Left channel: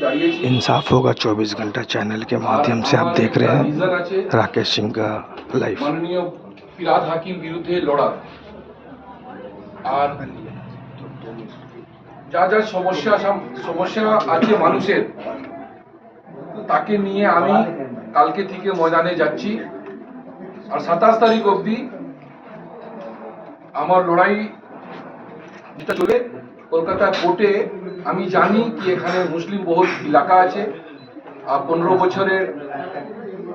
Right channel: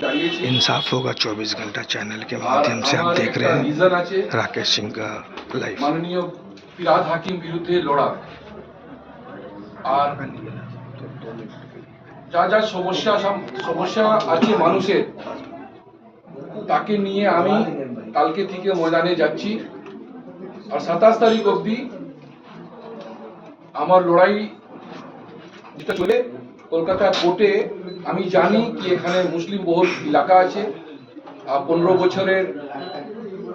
इंसाफ होगा 24 घंटा चैनल के माध्यम से आप देख रहे हैं राकेश सिंह का लाइव। माननीय ফিরহাদ হাকিম বিরুদ্ধে লড়া আর যা যা সমস্যা আছে মানুষের তাকে নিয়ে আমি কালকে থেকে ময়দানে যাচ্ছি আর 27 তারিখ অবধি আমার লড়াই যেটা চলে কলকাতা কোর্টে। আমি জানি কি এখানে মুসলিম বহুল এলাকা আছে, 15 বছরের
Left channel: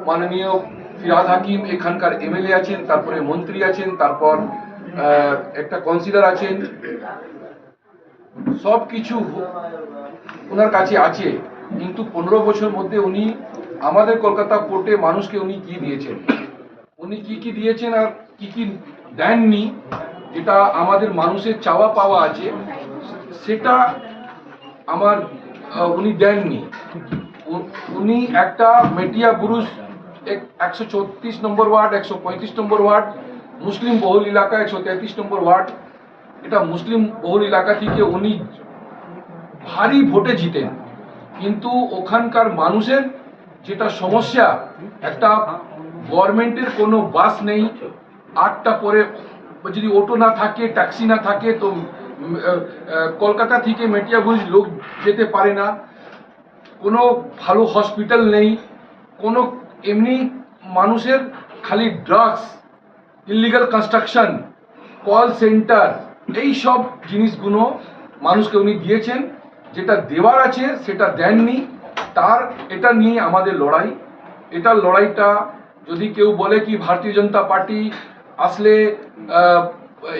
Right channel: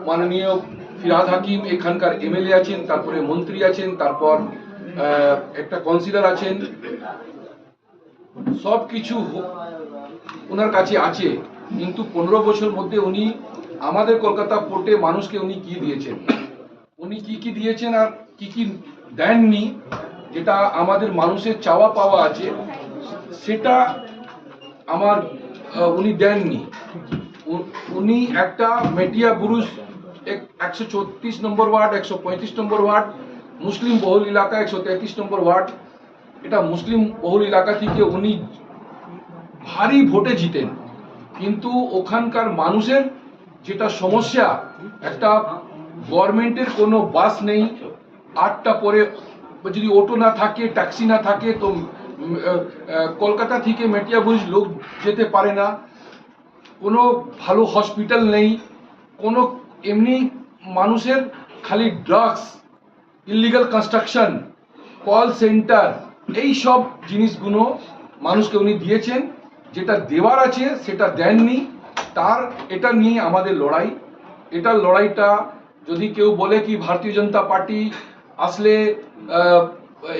মাননীয় ফিরহাদ হাকিম এখানকার এমএলএ আছেন, তারপরে মন্ত্রী আছেন, তারপর একটা কাউন্সিলর আছেন, সব কিছু ওনার কাছে আছে। কিন্তু 15 বছর মধ্যে উনি আমাদের কলকাতা কোর্টে মানুষকে উনি কি দিয়েছেন, উনি কি দিয়েছেন আর কি দেননি, যেটা আমাদের মানুষের চাওয়া পাওয়া আছে সেটা আমার উনি দেননি। উনি একটা মেটিয়া বুরুজ 134 নম্বর ওয়ার্ড, 135 নম্বর ওয়ার্ড মুসলিম বহুল এলাকা, 133 নম্বর ওয়ার্ড, এটা মুসলিম বহুল এলাকা থেকে উনি ভারী ভোটে জিতেন। কিন্তু ওখানকার মানুষের যেটা সমস্যা, একটা গভর্নমেন্টের কোনো বাস নেই, 8টা পরে যদি অটো না থাকে, ট্যাক্সি না থাকে তো কলকাতা থেকে মেটিয়া বুরুজ লোক যেতে পারে না, কোনো ভালো হসপিটাল নেই, কোনো এমনি মানুষের খালি drugs, illegal construction, call centre, এই সব জিনিসগুলো মানুষকে উনি দিয়েছেন। যেটা দেওয়ার আছে সেটা দেননি। তার এটা নিয়ে আমাদের লড়াই। এটার লড়াইটা যদি কেউ বলে কি ভারতীয় জনতা পার্টি আসলে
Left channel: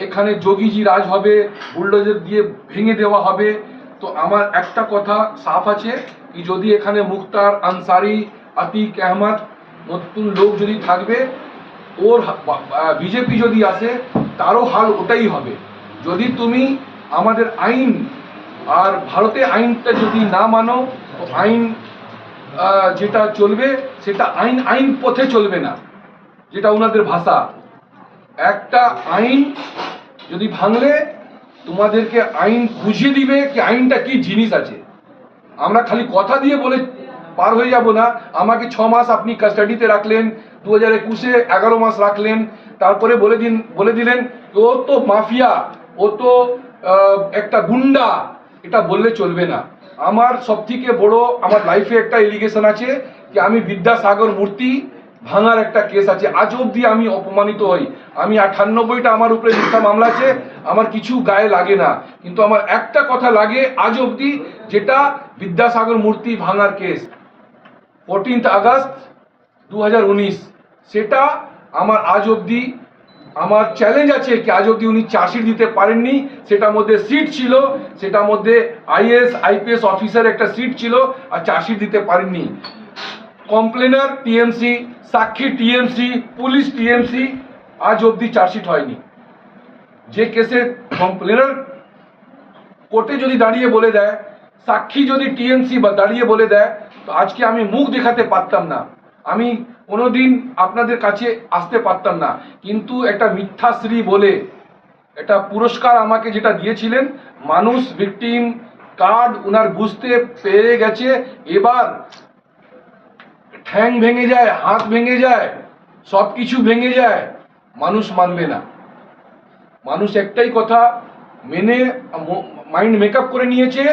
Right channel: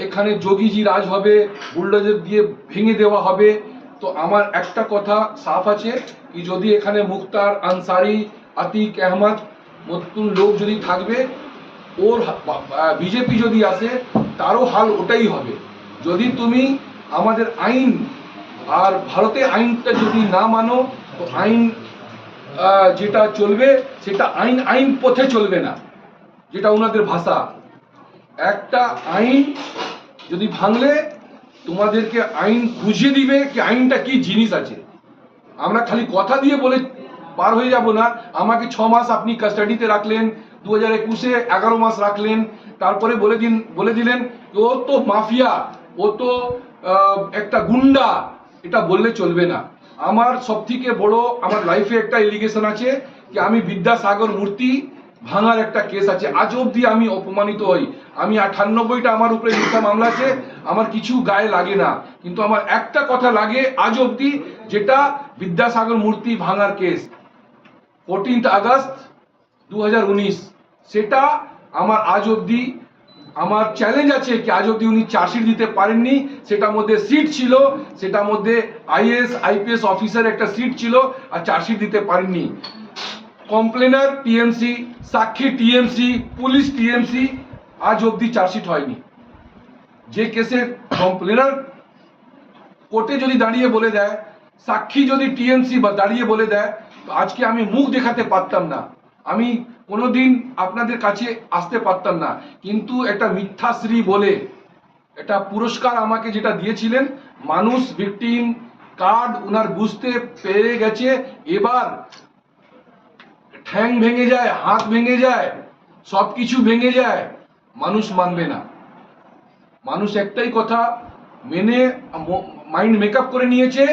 এখানে যোগীজি রাজ হবে, বুলডোজার দিয়ে ভেঙে দেওয়া হবে, তো আমার একটা কথা সাফ আছে কি যদি এখানে মুখতার আনসারি, আতিক আহমদ নতুন লোক যদি থাকবে, ওর বিজেপি যদি আসে তারও হাল ওটাই হবে। যদি তুমি আমাদের আইন আর ভারতে আইনটা যদি না মানো তো আইন যেটা চলবে সেটা আইন পথে চলবে না, যেটা ওনাদের ভাষা। একটা আইন যদি ভাঙলে তোমাদেরকে আইন বুঝিয়ে দিবে কি আইনটা কি জিনিস আছে। আমরা খালি কথা দিয়ে বলে পার হয়ে যাব না। আমাকে 6 মাস আপনি কাস্টাডিতে রাখলেন, 2021-এ 11 মাস রাখলেন, তারপরে বলে দিলেন ও তো মাফিয়া, ও তো একটা গুন্ডা, এটা বললে চলবে না। আমার সবথেকে বড় আমার লাইফে একটা এলিগেশন আছে কি আমি বিদ্যাসাগর মূর্তি ভাঙার একটা কেস আছে। আজ অবধি আমি অপমানিত হই। আমি 98টা আমার উপরে মিথ্যা মামলা আছে, আমার কিছু গায়ে লাগে না, কিন্তু আমার একটা কথা লাগে আজ অবধি, যেটা বিদ্যাসাগর মূর্তি ভাঙার কেস 14 আগস্ট 2019, সেটা আমার আজ অবধি আমার চ্যালেঞ্জ আছে কি আজ অবধি উনি চার্জশিট দিতে পারেননি। সেটার মধ্যে সিট ছিল, সেটার মধ্যে আইএস আইপিএস অফিসার একটা সিট ছিল আর চার্জশিট দিতে পারেননি। কমপ্লেনার টিএমসি, সাক্ষী টিএমসি, পুলিশ টিএমসি, আজ অবধি চার্জশিট হয়নি। যে কেসে কমপ্লেনার কোর্টে যদি দাঁড়িয়ে বলে দেয়, সাক্ষী যদি টিএমসি বা দাঁড়িয়ে বলে দেয়, তো আজকে আমি মুখ দেখাতে পারতাম না, আমি কোনোদিন আপনাদের কাছে আসতে পারতাম না। কিন্তু একটা মিথ্যাশ্রী বলে একটা পুরস্কার আমাকে যেটা দিয়েছিলেন, মানুষ ভিকটিম কার্ড উনার বুঝতে পেরে গেছে। এবার ঠ্যাং ভেঙে যায়, হাত ভেঙে যায়, সব কিছু ভেঙে যায়, মানুষ মানবে না। মানুষ একটাই কথা মেনে মাইন্ড মেকআপ করে নিয়েছে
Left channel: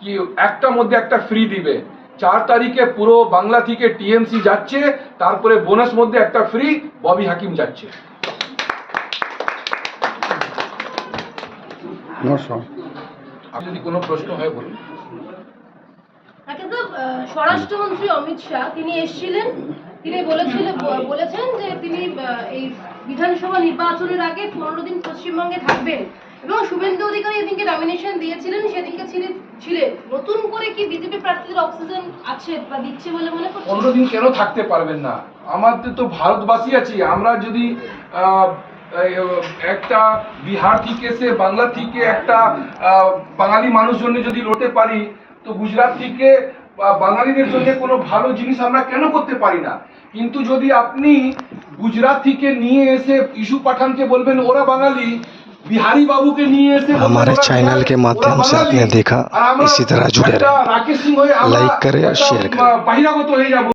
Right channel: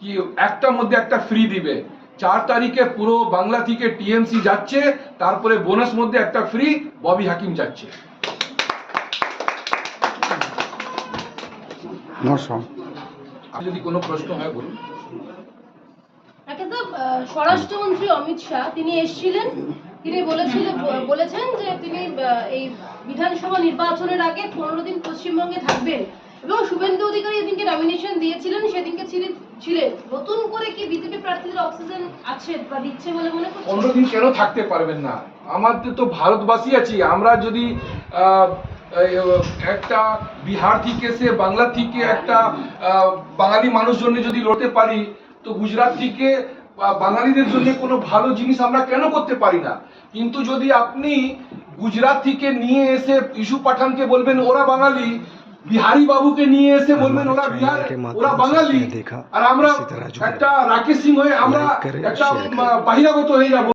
কি একটা মধ্যে একটা ফ্রি দিবে। 4 তারিখে পুরো বাংলা থেকে টিএমসি যাচ্ছে, তারপরে বোনাস মধ্যে একটা ফ্রি ববি হাকিম যাচ্ছে। যদি কোনো প্রশ্ন হয় বলুন। স্বরাষ্ট্রমন্ত্রী অমিত শাহ তিনি এসেছিলেন, তিনি বলেছেন যে তিনি এই বিধানসভা নির্বাচনের আগে 15 দিন পশ্চিমবঙ্গে থাকবেন এবং শুভেন্দু অধিকারী এদিনকে নমিনেশন দিয়েছিলেন, সেদিনকে ছিলেন। নতুন করে কি বিজেপি প্রার্থীদের অক্সিজেন আছে বা দিচ্ছে বলে মনে করছেন? 15 দিন কেন থাকতে পারবেন না? আমাদের তো ভারতবাসী আছি, আমরা যদি একটা বিহার থেকে এসে বাংলা থেকে একটা বাঙালি মানুষজন যদি লড়তে পারি, তো গুজরাট থেকে বাঙালিদের জন্য কোনো ভালো জিনিস আমরা কেন করতে পারি না? কিন্তু যদি আপনি গুজরাট থেকে নিয়ে এসে ইস্যু পাঠানকে বলবেন ওরা বাঙালি, বিহারি বাবুকে নিয়ে এসে বলবেন हमारे ওরা चैनल বিহার, के ওরা माध्यम से বাঙালি। आपने देखा আর আমরা इसी तरह जुड़े একটা रहें রাকেশ সিং হয়ে আমরা लाइक करें और একটা शेयर करें বহিরাগত হয়ে যাব।